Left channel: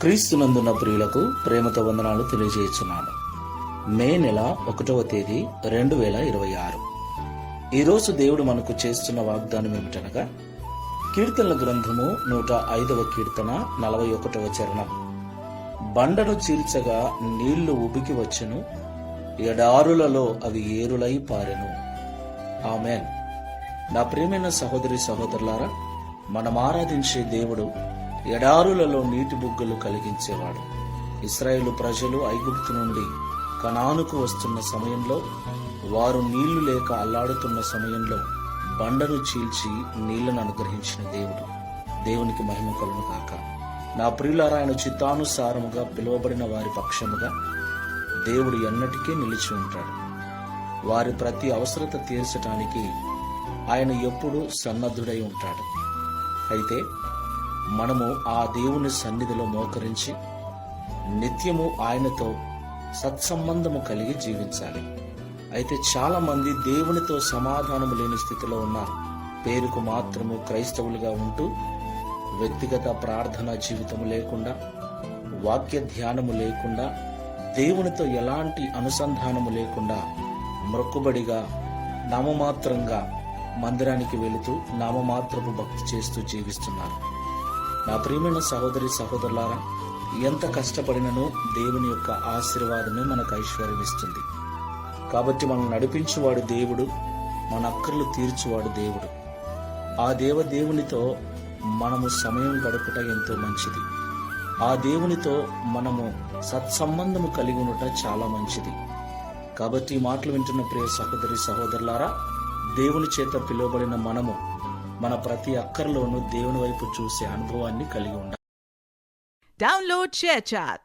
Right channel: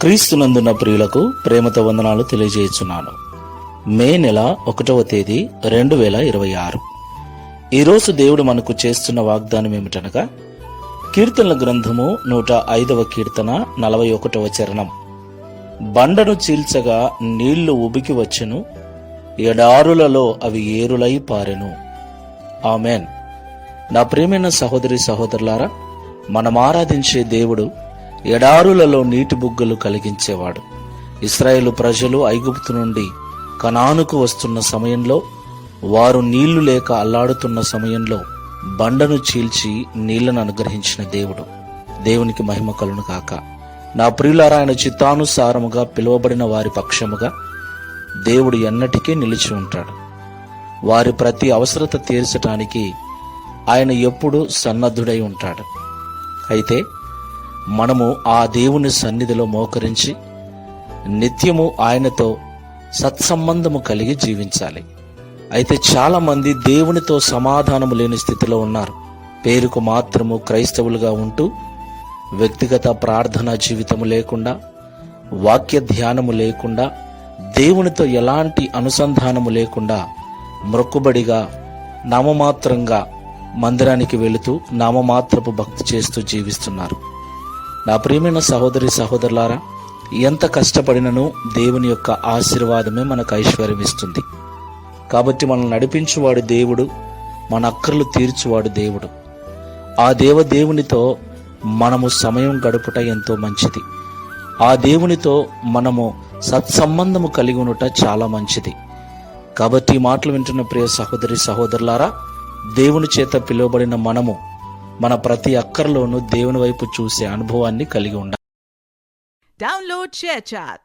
క్రీస్తునందున్న ప్రియులకు ప్రేమతో వందనాలు తెలియజేస్తున్నాను. మే నెల 1వ తేదీ 2026. ఈరోజు దేవుడు మనకు చేస్తున్న వాగ్దానం ఏమిటనగా, కీర్తనల గ్రంథము 105వ కీర్తన 41వ చరణం. బండను చీల్చగా నీళ్లు ఉబికి వచ్చెను, ఎడారులలో అవి ఏరులై పారెను. ఆమెన్. నా ప్రియమైన సహోదరి సహోదరులారా, మనం ఆరాధించే దేవుడు ఎడారులలో నీటి బుగ్గలు కలిగించేవాడు. ఇశ్రాయేలు ప్రజలు ఐగుప్తు నుండి కనానుకు వస్తున్న సమయంలో, వారు నీళ్లు లేక అల్లాడుతున్న సమయంలో బండను చీల్చి నీళ్లను అనుగ్రహించిన దేవుడు. దేవునికి మహిమ కలుగును గాక. నా ప్రియులారా, ఆయన చిత్తానుసారముగా పిలువబడిన వారి పక్షముగా దేవుడు ఎన్నటికీ నిలిచి ఉంటాడు. వారి ప్రతి అవసరత తీర్చడానికి ఆయన ఎప్పుడూ సన్నద్ధుడై ఉంటాడు. అయితే మనము ఆ దేవుని సన్నిధిలో మోకరించి నిత్యము ఆయనతో సత్సంబంధము కలిగి జీవించాలి. అయితే చాలా మంది దేవునితో సమాధానము లేని స్థితిలో ఉన్నారు. పేరుకు మాత్రము క్రైస్తవులుగా ఉంటూ వ్యక్తిగత ప్రార్థనా జీవితము లేకుండా, వాక్య ధ్యానము లేకుండా, దేవునితో ఎలాంటి అనుసంధానము లేకుండా మ్రొక్కుబడిగా నామమాత్రంగా మందిరానికి వెళుతూ నామమాత్రపు భక్తి చేస్తూ జీవిస్తున్నారు. నా ప్రియమైన సహోదరి సహోదరులారా, ఎంత కష్టపడినను దేవుని యొక్క ఆశీర్వాదమే మనకు ఐశ్వర్యం ఇస్తుంది. కాబట్టి మనల్ని నడిపించువాడు దేవుడు, మన అక్కర్లు తీర్చువాడు దేవుడు. ఆ దేవునితో మనము సమయం గడుపుట ఎంతో మంచిది. ఆ దేవునితో మనము సత్సంబంధము కలిగి ఉండుట చాలా మంచిది. కాబట్టి ఈ మాటలు వింటున్న ప్రియ సహోదరి సహోదరులారా, దేవుని చేత పిలువబడిన మనము మన ప్రతి అక్కర్లోనూ దేవుని వైపు చూసే అనుభవాన్ని కలిగి ఉండాలి. Download ShareChat.